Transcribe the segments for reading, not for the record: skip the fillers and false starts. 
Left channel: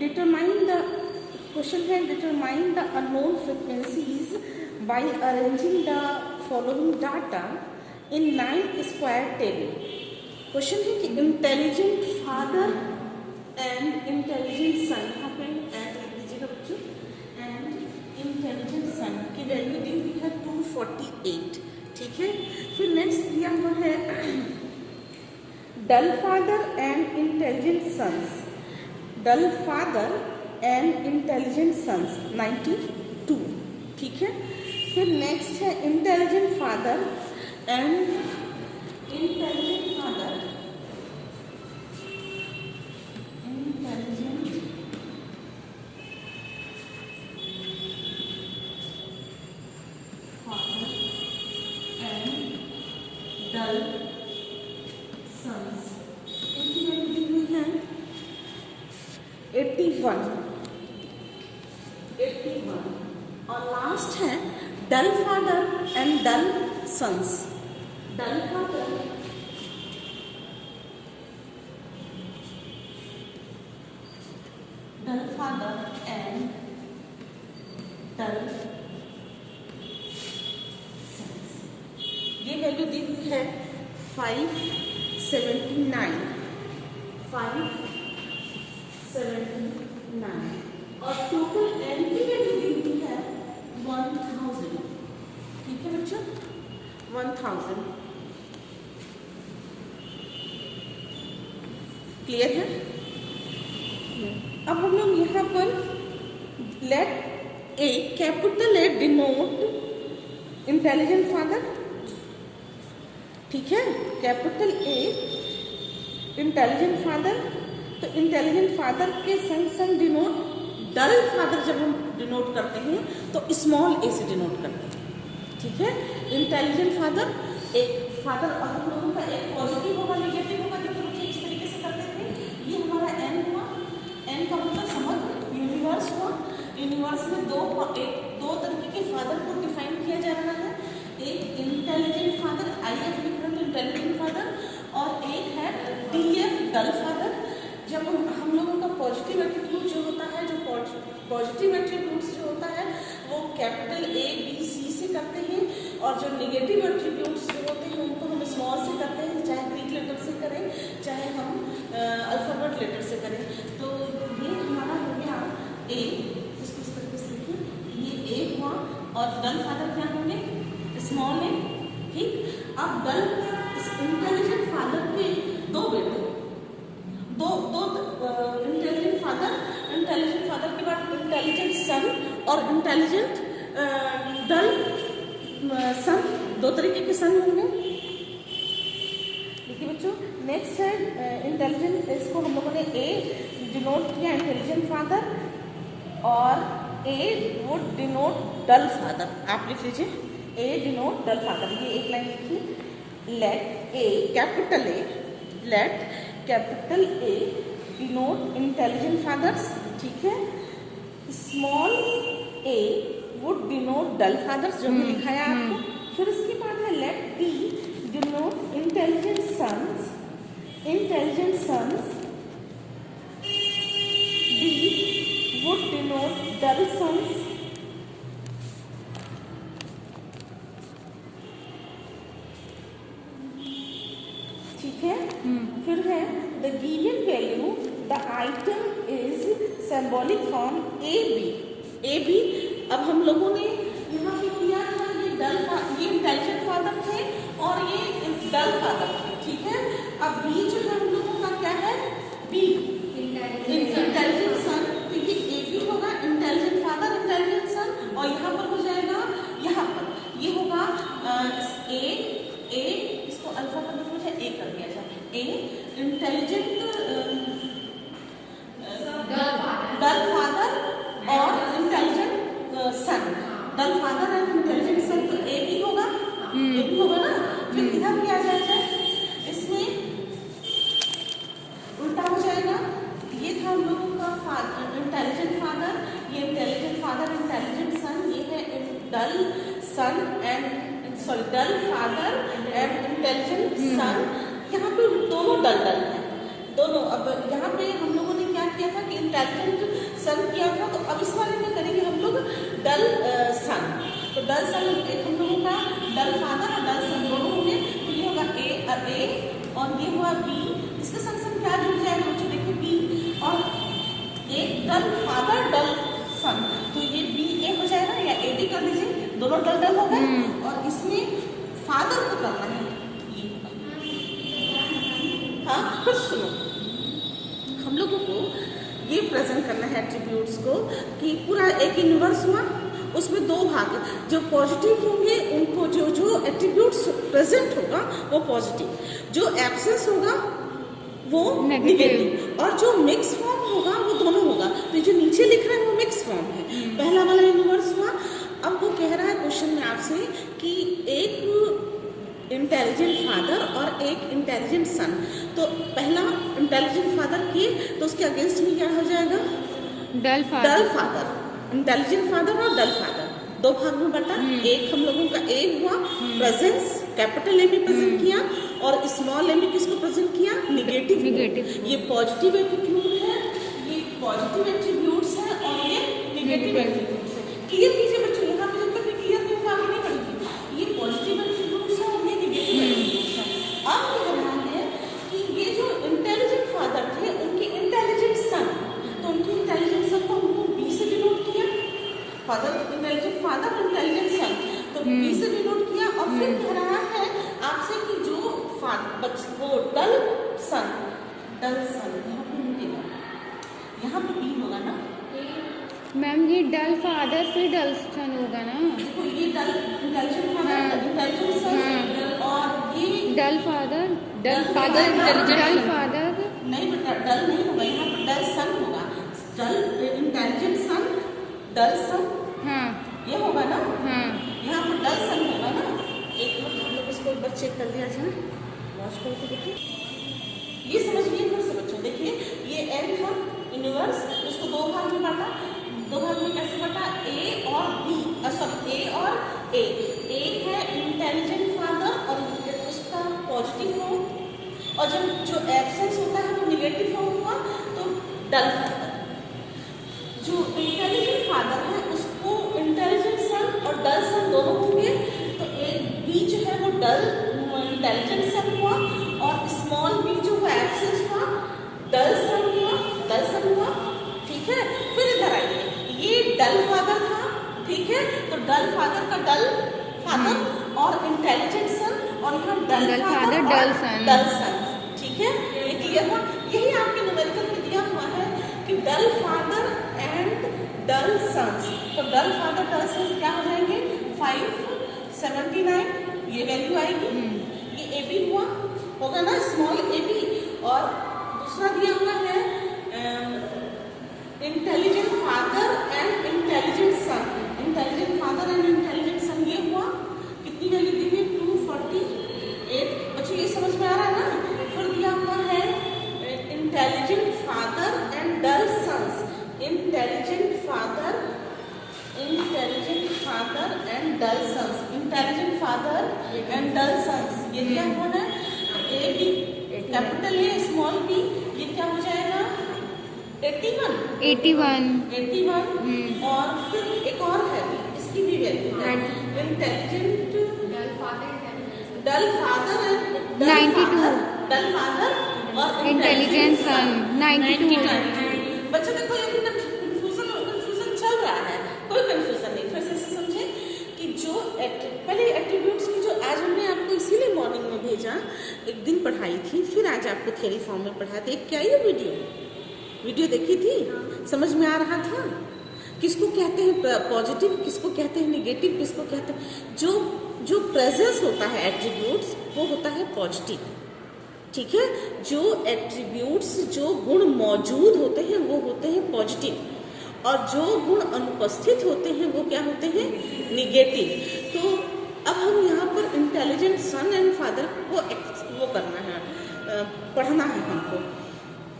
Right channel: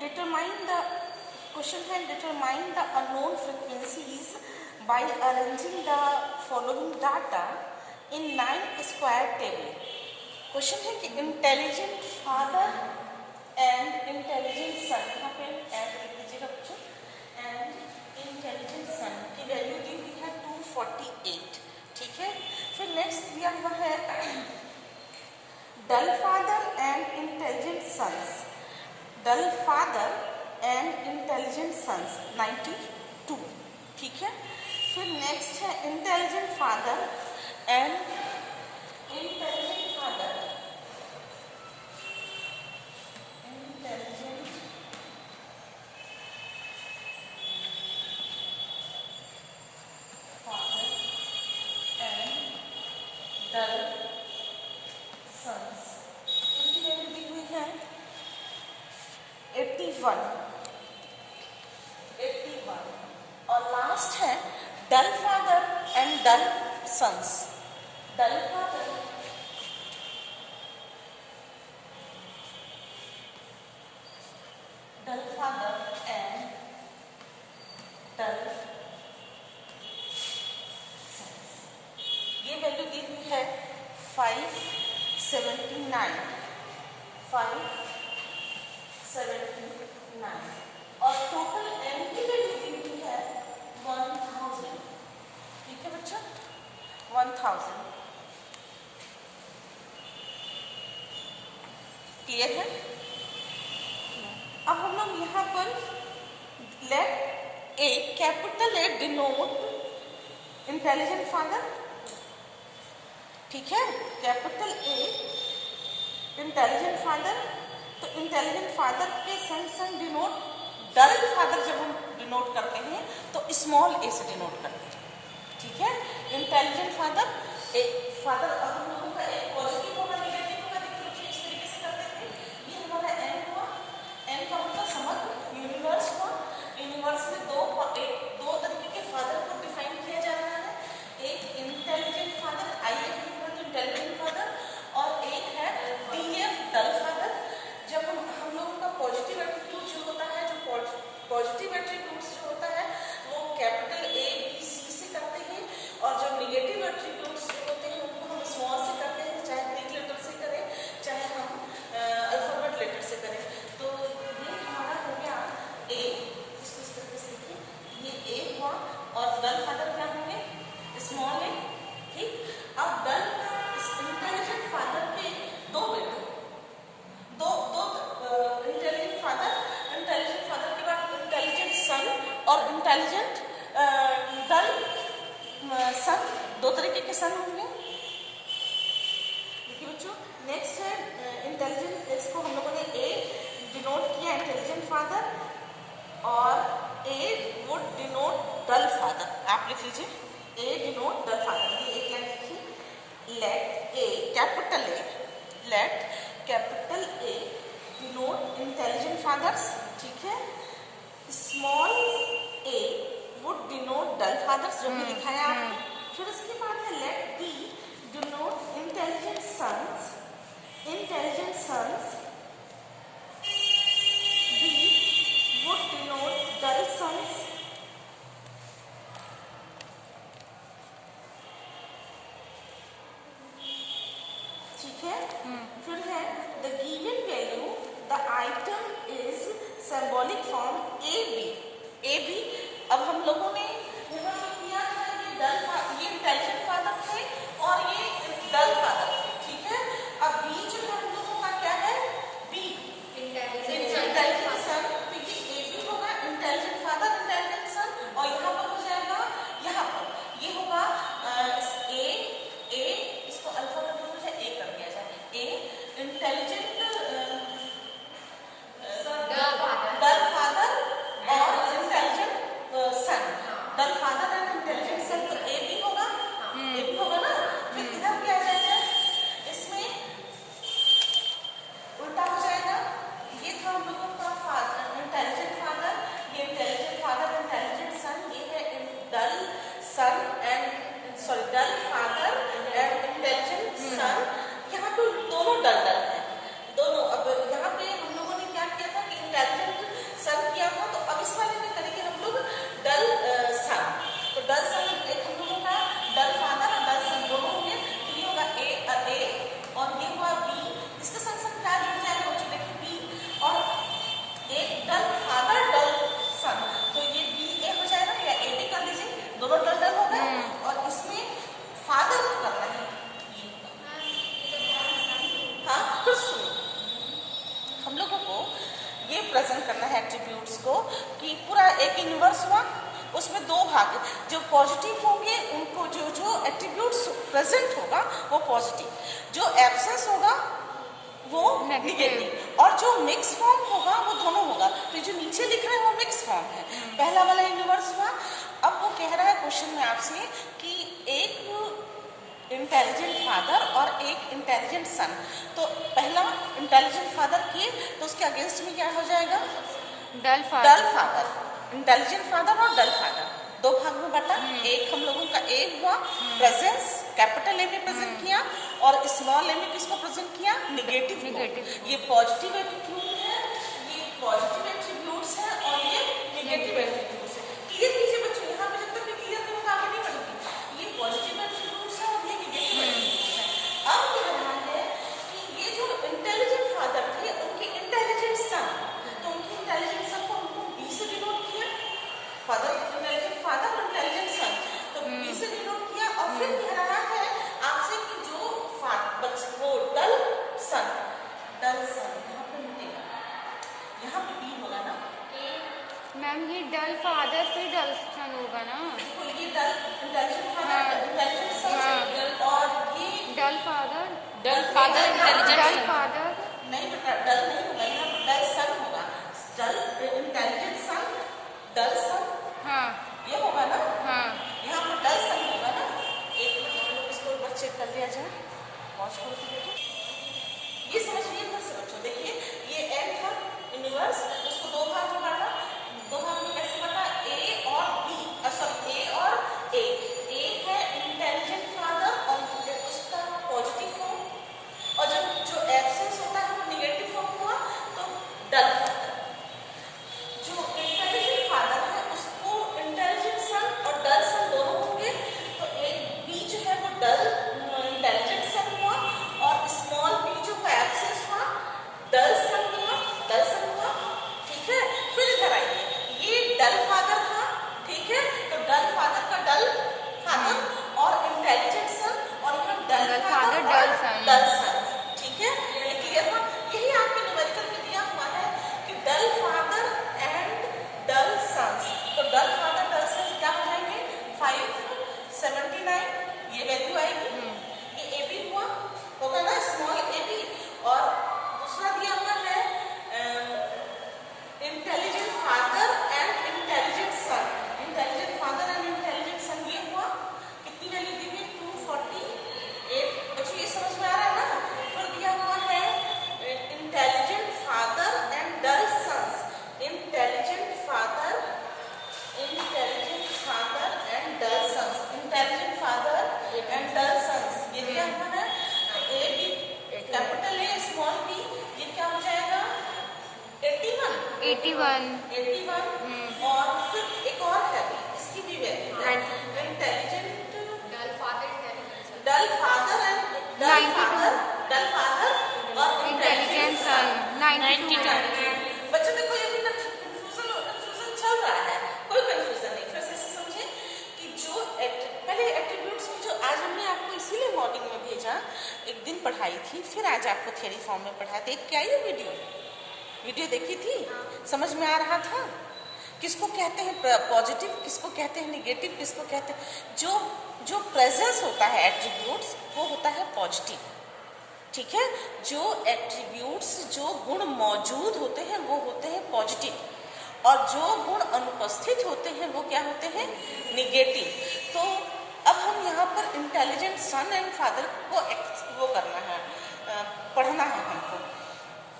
Determine the question है determine the unknown frequencies by arranging the following data in 9 square table. Question है कि intelligent father and intelligent son, यहाँ पे add लिख दीजिएगा बच्चों, एंड इंटेलिजेंट सन की वैल्यू दी हुई है 248, ठीक है। फिर नेक्स्ट दिया हुआ है dull father and intelligent sons, dull father and intelligent sons 92, ठीक है। फिर नेक्स्ट है intelligent father and intelligent father, intelligent father and dull sons, इनकी वैल्यू दी हुई है 81, और लास्ट है dull father and dull sons, dull father and dull sons, ये वैल्यू दी हुई है 579, 579, और टोटल एन की वैल्यू दी हुई है 1000, ठीक है बच्चों, 1000। क्लियर है? अब हम लोग यहाँ पर let A capital A denote intelligent father, ठीक है, कैपिटल ए इंटेलिजेंट फादर, तो इंटेलिजेंट फादर के सन डिनोट, डल फादर जब हम डिनोट करते हैं तो स्मॉल ए से डिनोट करते हैं, ठीक है। इंटेलिजेंट फादर, एक फादर हम लोगों का एक पॉजिटिव होगा निगेटिव होगा, देखिए बच्चे इस तरीके से करते थे, ये हमारा एन हुआ, एन का मतलब समग्र यूनिवर्स हुआ, यूनिवर्स में दो तरीके के फादर को डिफाइन किया जा रहा है, एक इंटेलिजेंट फादर IF लिख रहे तो इंटेलिजेंट फादर, और एक है DF डल फादर। जब हम लोगों का पॉजिटिव एट्रीब्यूट जो होता है, जो पॉजिटिव एट्रीब्यूट्स जो होता है वो कैपिटल A B C से करते हैं, और जो निगेटिव एट्रीब्यूट्स जो होते हैं उनको हम स्मॉल से करते हैं, चाहे ग्रीक लेटर से करें चाहे हम अल्फाबेट लेटर से करें। तो ये हमारा हो गया A, इसको इस तरीके से लिखिए, ये A हुआ, और डल फादर क्या होंगे, स्मॉल ए, ठीक। अब डल इंटेलिजेंट फादर के दो बेटे, दो इंटेलिजेंट फादर के बाद इंटेलिजेंट सन और इंटेलिजेंट डल सन, दो तरीके के सन होंगे। देखिए बच्चों, नेक्स्ट है इंटेलिजेंट, इसको हम लोगों ने ए डिनोट किया इंटेलिजेंट फादर, और ए वुड डिनोट डल फादर, आप लिख लीजिए ए डिनोट डल फादर, ये एक लाइन लिखी, let A capital A denote intelligent fathers, ठीक है। Small A would denote dull fathers, जो हमने लिखा है आपको। फिर इसके बाद है let D denote intelligent sons, D would denote dull sons, ठीक है। फिर है the given value the item is symbolic form A B. अब हम लोगों ने यहाँ पे किया था, ये इंटेलिजेंट फादर थे और ये डल फादर थे, ठीक है। अब बी जो है हम लोगों का क्या है, बी इंटेलिजेंट सन, तो ये ए बी होगा, इंटेलिजेंट फादर इंटेलिजेंट सन, और यहाँ पर हो जाएगा, यहाँ पर ये होगा ए, इसको अल्फा का लिखा जाए, ए कर दिया जाए, ए इंटेलिजेंट डल फादर और intelligent son, dull father and intelligent son, तो ए भी होगा, ना। फिर इधर क्या आ जाएगा, इसमें उल्टा हो जाएगा, ये था हम लोगों का इंटेलिजेंट फादर, ये इंटेलिजेंट फादर इंटेलिजेंट सन, ये है dull father and intelligent son. यहाँ पे दोनों डल है, दोनों। अब यहाँ पे हम लोगों ने क्या किया था कि इंटेलिजेंट सन किया था, तो अब इस वाले में करेंगे हम लोग डल सन। तो डल सन एक हम लोगों का डल फादर और डल सन दोनों होंगे, तो ये होगा ए और ये हुआ बी, इसके संग संग क्या जुड़ जाएगा बच्चों, देखिए बी और एक डल फादर डल सन, तो ये बी ए हो जाएगा या ए बी कर दीजिए, दोनों डल डल हो गए। और इसमें फादर को करना है, ये होगा। हाँ फिर सुनो, हम लोगों को ये प्रेजेंट करना है एट्रीब्यूट्स को कि पूरा एक यूनिवर्स हुआ, उसमें दो भाग, जो पॉजिटिव होंगे उनको जो एट्रीब्यूट्स प्रेजेंट होगा वो पॉजिटिव, जो एब्सेंस होगा वो नेगेटिव, और जो मिक्स फॉर्म होगा वो दोनों होगा। ये जो नीचे लिख रहा है वो मिक्स फॉर्म है, पहला वाला यूनिवर्स हुआ। अब वो कह रहा है क्वेश्चन में आपसे कि एक इंटेलिजेंट फादर और एक इंटेलिजेंट सन, तो पहला इंटेलिजेंट फादर किए तो उसके अगेंस्ट में क्या हो जाएगा, डल फादर। इंटेलिजेंट फादर और डल फादर दो भाग में बांटा, एक हम लोगों का एक हुआ प्रेजेंस, कैपिटल ए में प्रेजेंट किया, और स्मॉल ए में किसको प्रेजेंट किया, निगेटिव। ये पॉजिटिव एट्रीब्यूट है, ये पॉजिटिव एट्रीब्यूट्स है और ये निगेटिव एट्रीब्यूट्स है। क्लियर कीजिए बच्चों, यहाँ पे जब तक भी क्लियर नहीं होगा आगे नहीं बढ़ेगी। ये पॉजिटिव एट्रीब्यूट्स है और ये निगेटिव एट्रीब्यूट्स है। अब कह रहा है कि ये जो इंटेलिजेंट फादर थे उनके इंटेलिजेंट सन, तो उनकी इंटेलिजेंट सन को हमको बी से डिनोट किया, फादर इंटेलिजेंट फादर और इंटेलिजेंट सन, तो बी से डिनोट किया। और फिर कह रहा है आपसे कि जो वो डल सन यहाँ पे मिलेगा, यहाँ पे बी होगा ना मैम, ये डल फादर फिर डल सन होगा ना, देखो ये डल इंटेलिजेंट फादर इंटेलिजेंट सन, और ये डल फादर नहीं बेटा, डल नहीं होगा, यहाँ पर डल सन होगा, डल इंटेलिजेंट सन डल सन, हाँ ये होगा ना, हाँ यहाँ पर डल सन होगा ना। एक मिनट हम लोग इसको एक बार चेक कर दिया जाए, वॉच करो तो बेटे, ये समझिए फिर से बच्चों। देखिए ये एन था यूनिवर्स, उसको दो भाग में बांटा, दो भाग में कैसे बांटा, ए और बी, सॉरी ए और ए, एक है इंटेलिजेंट फादर और उसका पॉजिटिव फॉर्म, और जब जो एब्सेंस होता है वो निगेटिव फॉर्म हुआ तो डल फादर। जो इंटेलिजेंट फादर है उसको इंटेलिजेंट सन और डल सन दोनों होंगे, तो एक बी जो है वो डल इंटेलिजेंट सन हुआ, और स्मॉल बी जो है एब्सेंस हुआ डल सन हुआ, ठीक है। फिर इधर आइए, ये डल फादर था, ठीक है, तो डल फादर का डल फादर और इंटेलिजेंट सन, और यहाँ डल फादर डल सन, ठीक है, ये क्लियर हुआ। यही आपके न्यूमेरिकल में दिया हुआ है कि डल फादर एंड डल सन्स, तो डल फादर डल सन्स क्या हो जाएंगे, 579 ये वैल्यू आएगी। ये ए बी हुआ होगा ना, स्मॉल ए बी, और दूसरा दिया हुआ है intelligent father and intelligent son, intelligent father and intelligent son, ये हुआ कितनी वैल्यू दी है, 248। अच्छा ये समझ में आ रहा है ना। फिर दिया हुआ है intelligent father and dull sons, intelligent father and dull sons, intelligent father and dull sons, ये दिया हुआ है। A B capital A small B, ये क्या हो जाएगा, 81। और फिर एक और है भी, इसकी भी वैल्यू है, intelligent dull father and dull father और इंटेलिजेंट सन 92। बच्चों में कोई अभी कंफ्यूजन चल रहा है, कोई कंफ्यूजन नहीं, फिर से समझे कि जो पहले एट्रीब्यूट्स की जो आज हमने आपको इसीलिए मॉर्निंग में भेजा, एक दिन पढ़ाई थी, फिर आज आपको थ्योरी फॉर्म में पढ़ाया था। क्या ये वीडियो देखी थी, समझ में आ रहा था किसको कहते हैं पॉजिटिव, किसको कहते हैं निगेटिव, किसको कहते हैं जो प्रेजेंस होता है एट्रीब्यूट्स वो होता है पॉजिटिव, ठीक है। जो एट्रीब्यूट्स जो गुण मौजूद होते हैं वो होते हैं पॉजिटिव, और जो गुण अनुपस्थित होते हैं वो क्या होते हैं, निगेटिव। तो अब हम यहाँ पर इंटेलिजेंट सन एंड फादर को वो करना है, पढ़ना है हमको।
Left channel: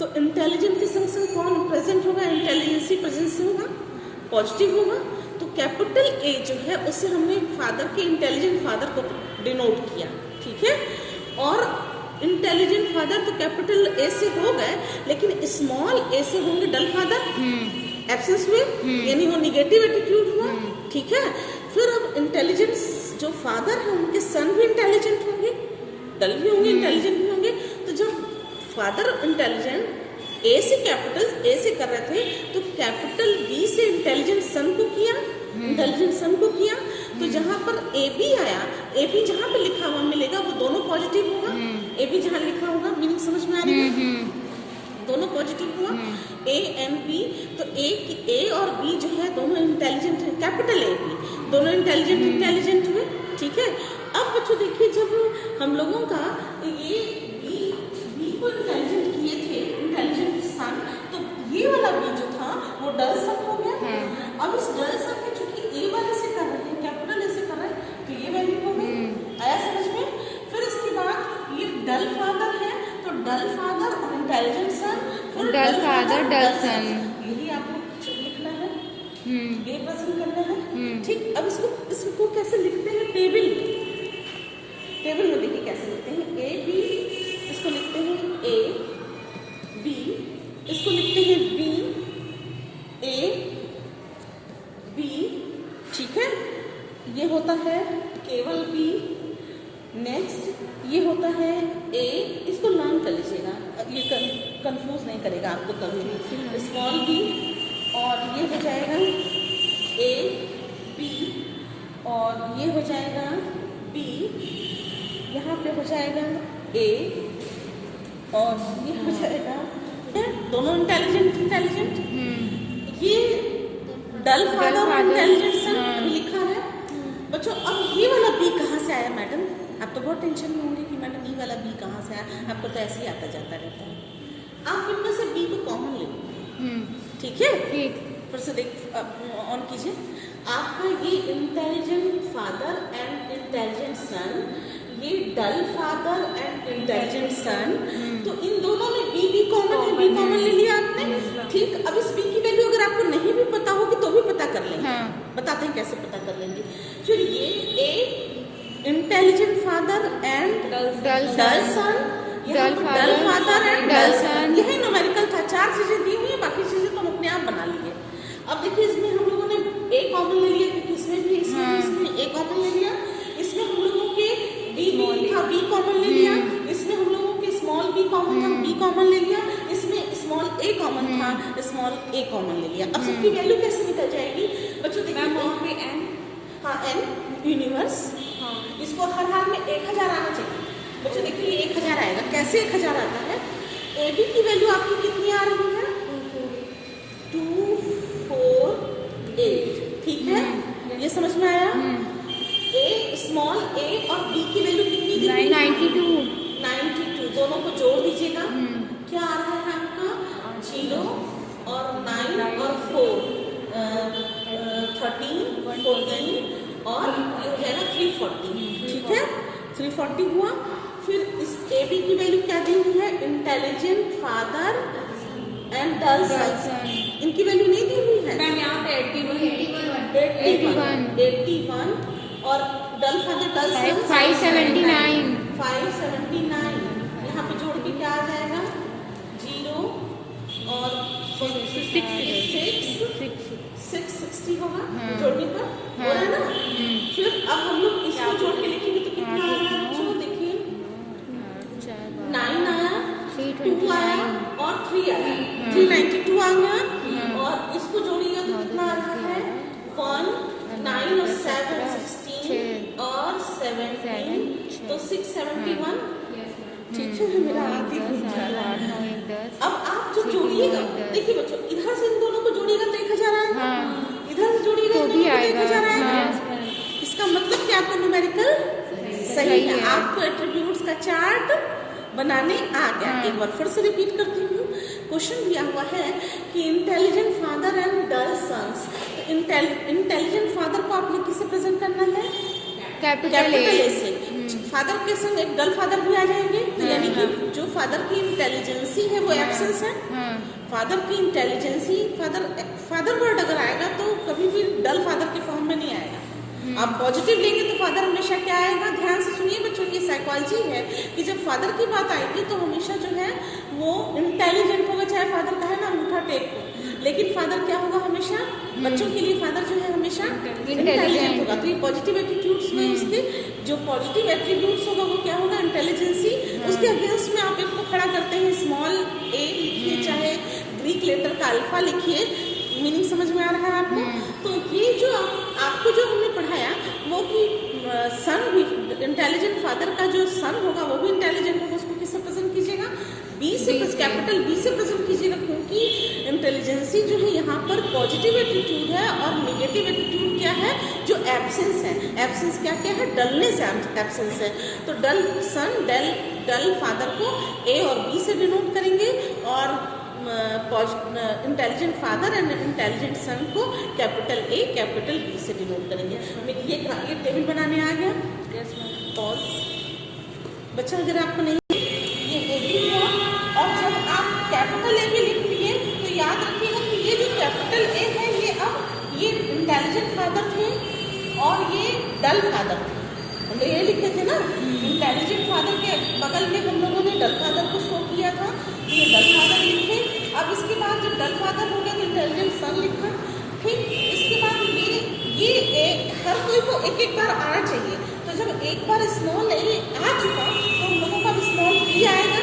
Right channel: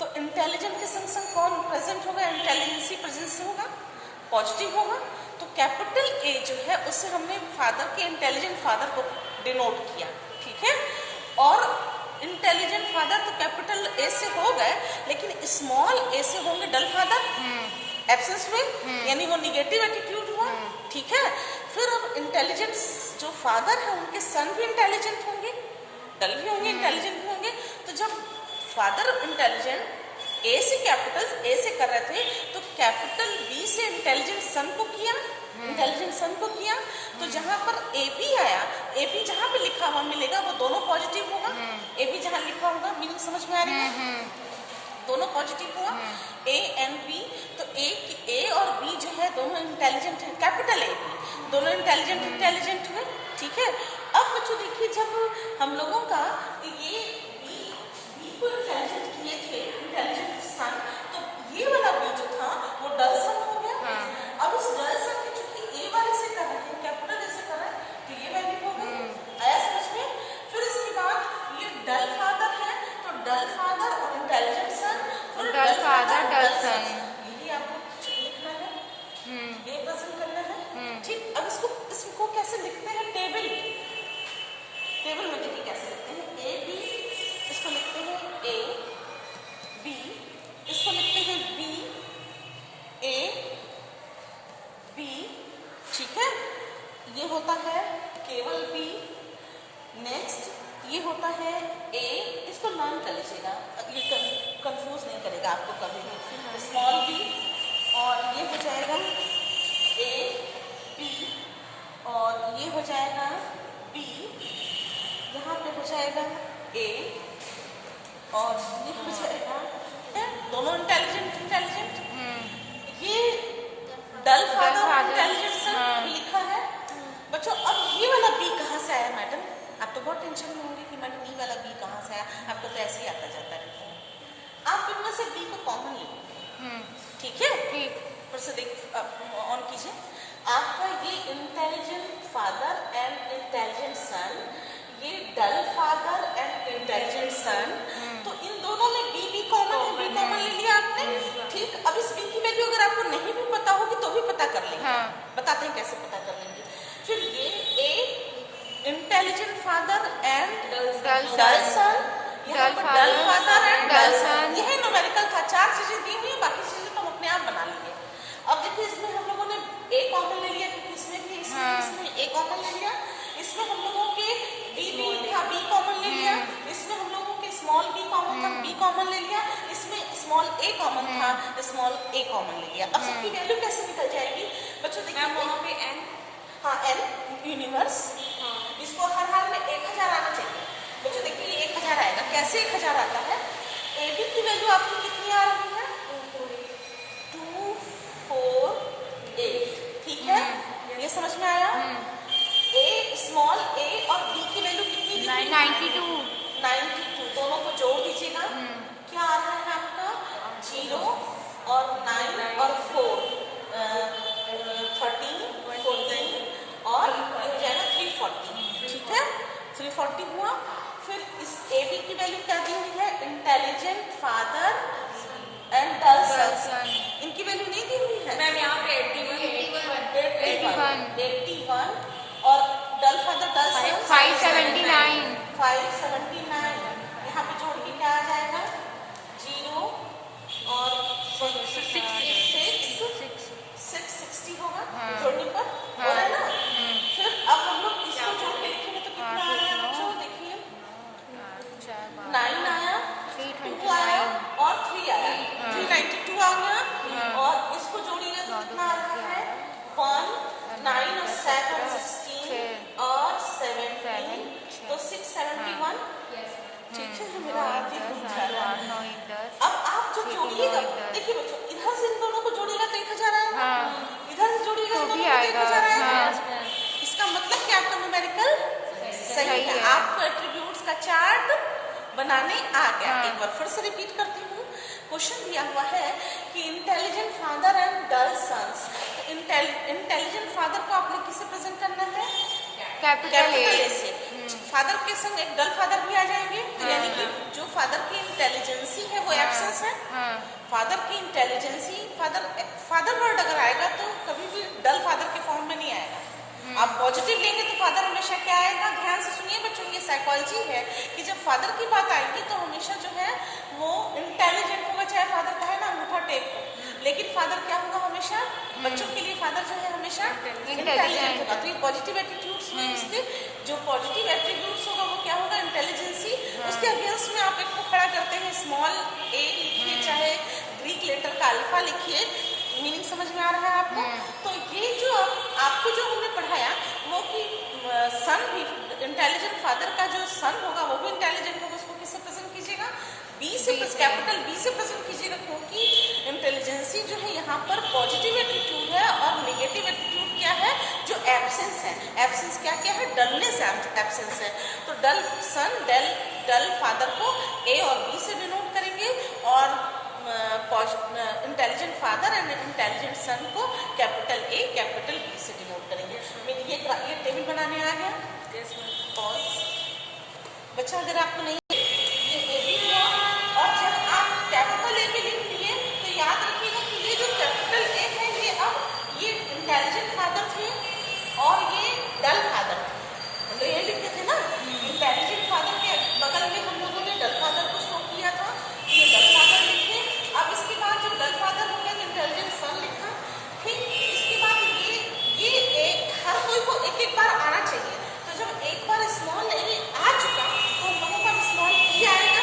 तो इंटेलिजेंट के संग संग कौन प्रेजेंट होगा, इंटेलिजेंसी प्रेजेंस होगा, पॉजिटिव होगा। तो कैपिटल ए जो है उससे हमने फादर के इंटेलिजेंट फादर को डिनोट किया, ठीक है। और इंटेलिजेंट फादर तो कैपिटल ए से हो गए, लेकिन स्मॉल ए से होंगे डल फादर, एब्सेंस हुए, यानी वो निगेटिव एटीट्यूड हुआ। ठीक है, फिर अब इंटेलिजेंस जो फादर है उनके सन भी इंटेलिजेंट होंगे, डल भी होंगे, इंटेलिजेंट भी होंगे। तो जब फादर इंटेलिजेंट ए से कैपिटल ए से कर रहे थे तो कैपिटल बी से इंटेलिजेंट सन को किया, इंटेलिजेंट सन को किया। तो जहां पर ए बी आया, ए बी जहां पे लिखा हुआ मिलेगा वो दोनों पॉजिटिव होगा। ए बी जहां लिखा होगा, मीनिंग समझ में आ रही है, दोनों पॉजिटिव हुआ, ए एंड बी। तो ए और बी जो है दोनों इंटेलिजेंट है, कैपिटल ए बी दोनों इंटेलिजेंट हुए। ठीक है, अब बच्चों देखिए जब हम लोगों का ये बी को इंटेलिजेंट किए थे, इंटेलिजेंट सन, तो ये वाला बी जो था वो डल सन हो गया। अब इस डल सन के चूंकि ए वाले से कर रहे हैं, कैपिटल ए से कर रहे हैं, तो ये वैल्यू हो गई। आया समझ में? फिर इसके बाद ये डल फादर है तो डल फादर और इंटेलिजेंट सन, फिर डल फादर डल सन, यही आपको लिखना है, ये प्रेजेंट करना है। ठीक, अब इसको कैसे लिखते हैं? टेबल में देखिए कैसे लिखते हैं। ए बी, इसको लिखते हैं ए बी, इसको लिखते हैं बी ए बी। ठीक है, ये होता है केवल बी। नेक्स्ट ये होता है ए, इसको लर्न कर लीजिएगा, ये कंफ्यूज नहीं करेगा आपको कभी भी। स्मॉल बी, और ये हो जाएगा ए बी, और ये हो जाएगा बी, यहाँ पे हो जाएगा ए, और ये हो जाएगा, दोनों इंटेलिजेंट। ये डल फादर और इंटेलिजेंट लिखा है बच्चों। अब ये वाला बी कहाँ से आया मैडम? आप तो बहुत टेंशन में होंगे कि मैडम ये वाला बी कहाँ से आया, आपको तो ऐसे ही आता जाता रहता है। आप इनमें से बी को कॉमन ले लीजिए, ठीक है? ठीक, फिर से देख ऑन कीजिए। आपका ये intelligent father and intelligent son, ये डल फादर एंड इंटेलिजेंट सन, तो इन दोनों में बी कॉमन है, बी कॉमन ले लिया आपने। ठीक, अब इस बी की वैल्यू अगर आपको नहीं भी पता होगी तो भी पता कर लेंगे। बताते हैं कैसे पता कर लेंगे। फिर ये A intelligent father and dull son, dull father and dull son, यही न्यूमेरिकल था। 4 चीजें दी हुई, बाकी चीजें तुम अपने आप बना लिए। अब देखिए इसमें हम लोगों ने ए कॉमन ले लिया, क्योंकि इसमें भी इसमें ए कॉमन ले लिया। इसमें हम लोगों के डी था, बी कॉमन ले लिया। इसमें हम लोगों के स्मॉल बी कॉमन था, बी कॉमन ले लिया। इसमें स्मॉल ए कॉमन था, स्मॉल ए कॉमन ले लिया। अब सबकी वैल्यू कैसे निकल जाएगी बच्चों? देखिए वहाँ पे एन, हाँ एन यूनिवर्स, इसको हर हाल में 1000 आना चाहिए बच्चों। देखिए ये 1000 आएगा। कैसे 1000 आता है? ए बी की वैल्यू आपकी कितनी आ रही है? 248। ठीक है, ये समझ में आया? ए स्मॉल ए और बी की वैल्यू कितनी दी? 92। दोनों को जोड़ दीजिएगा, क्या आ रहा है आपका? 0 और 9 और 4, 13, 14 और ये हो जाएगा 340। ठीक है, 340 हुआ। फिर इस ए बी की वैल्यू क्या दी हुई है? इंटेलिजेंट फादर एंड डल सन, इनकी वैल्यू नहीं दी हुई है मैम। यहाँ पे 81 और डल फादर डल सन 579। यहाँ पे जोड़ के क्या आ जाएगा? 0 और 660 होगा जोड़ने पर, हो रहा है ना? फिर अब हम लोग इसको जोड़ के लिखेंगे तो कितना आ रहा है बच्चों? देखिए 9 आया, 2 आया और 3 आया, 392 आ गया। और इसको जोड़िएगा तो कितना आ रहा है? 1, 9 और 7, 16 और 17, तो 671। ठीक है, मेरा आप ही अब आप जब जोड़िएगा, देखिए बच्चों इधर से इन दोनों को जोड़िएगा तो 1000 आएगा, इधर से जोड़िएगा तो 1000 आएगा। इसका मतलब क्या? आपका न्यूमेरिकल सही है। आपको एट्रीब्यूट्स का चार्ट बनाने आ गया। एक बार फिर से रिपीट करती हूँ। क्वेश्चन दिया हुआ है कि intelligent father and dull sons, intelligent father को आप लोग किसे प्रेजेंट करना है? कैपिटल ए से। फादर के संग एक डल फादर भी आ जाएंगे, यानी कि जो फादर की इंटेलिजेंसी है वो एब्सेंस है। फादर की इंटेलिजेंसी, फादर वर्ड अगर आएगा तो कभी भी डल फादर के फॉर्म में नहीं आएगा। आप पॉजिटिव लेंगे तो फादर हमेशा क्या आएगा? ध्यान से सुनिए बच्चों, ये साइकोलॉजी है कि जब फादर की बात आएगी तो हमेशा जो है वो इंटेलिजेंट होगा, चाहे फादर कहे ना अंगूठा टेप हो, लेकिन फादर क्या होगा हमेशा, बच्चों के लिए फादर जो है हमेशा इंटेलिजेंट होगा। तो ये पॉजिटिव एटीट्यूड्स में इसके जो पॉजिटिव एट्रीब्यूट्स होगा वो क्या होगा, इंटेलिजेंसी। उसके अगेंस्ट में आप एक को खड़ा करते हैं, स्मॉल ए लिखिए, चाहे ग्रीक लेटर का अल्फा लिखिए, मीनिंग समझ में आ रहा है आपको। तो ये जो आपको जो हमने पढ़ाया वो कि सन भी इंटेलिजेंट, फादर का जो सन होगा वो भी इंटेलिजेंट होगा, उसको किससे प्रेजेंट कीजिएगा, बी से, कैपिटल बी से प्रेजेंट कीजिएगा, क्योंकि इंटेलिजेंसी जो है यहाँ पर पॉजिटिव एटीट्यूड है और नेगेटिव एटीट्यूड क्या है, जो एब्सेंस है। एब्सेंस क्या क्या है, डलनेस एब्सेंस है। तो डल सन, डल फादर को ए और बी से डिनोट करेंगे, और इंटेलिजेंट फादर एंड इंटेलिजेंट सन को कैपिटल ए कैपिटल बी से डिनोट करेंगे। ये टेबल बनाने आ गया। पॉज बच्चा, अगर आपको नहीं, ये ए बी हुआ, और जब आप कैपिटल ए भी लिख लिए तो याद रखिएगा कि ये जो कैपिटल ए है ये अब ये इंटेलिजेंट फादर थे और ये डल फादर थे। हम लोग ये लिखे थे ना, इंटेलिजेंट फादर के बगल में हम लोगों ने डल फादर को शो किया था, ये डल फादर लिखे। अब इसके बाद जब डल फादर हो गया तो इंटेलिजेंट सन लिखा। ठीक, इसके बाद ये हर कोई को एक एक बार आना चाहिए। तो जब एक बार स्मॉल ए आ चुका तो हम लोगों का स्मॉल बी आएगा,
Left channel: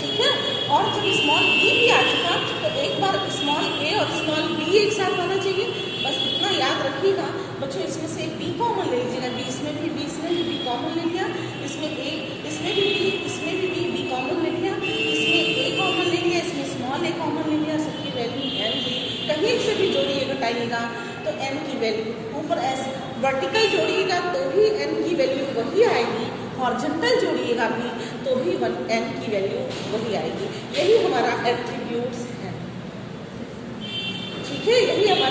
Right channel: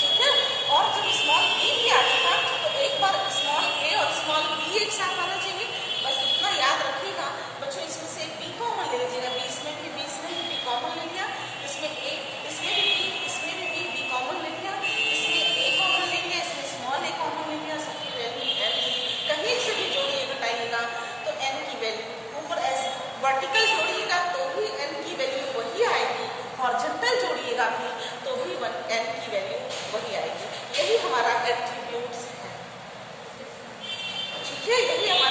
ठीक है। और जब स्मॉल बी भी आ चुका तो एक बार स्मॉल ए और स्मॉल बी एक साथ आना चाहिए। बस इतना याद रखिएगा बच्चों, इसमें से बी कॉमन ले लीजिएगा, इसमें भी बी कॉमन ले लिया, इसमें भी बी कॉमन ले लिया, इसमें ए कॉमन ले लिया, इसमें स्मॉल ए कॉमन ले लिया, सबकी वैल्यू एन ली। कहीं से भी जोड़िएगा घटाइएगा तो एन की वैल्यू ऊपर ऐसे वर्टिकल जोड़िएगा तो भी एन की वैल्यू वही आएगी, हॉरिजॉन्टल जोड़िएगा भी तो भी एन की वैल्यू वही आएगी। यही हमारा एट्रीब्यूट्स है, ठीक है, यही हमारा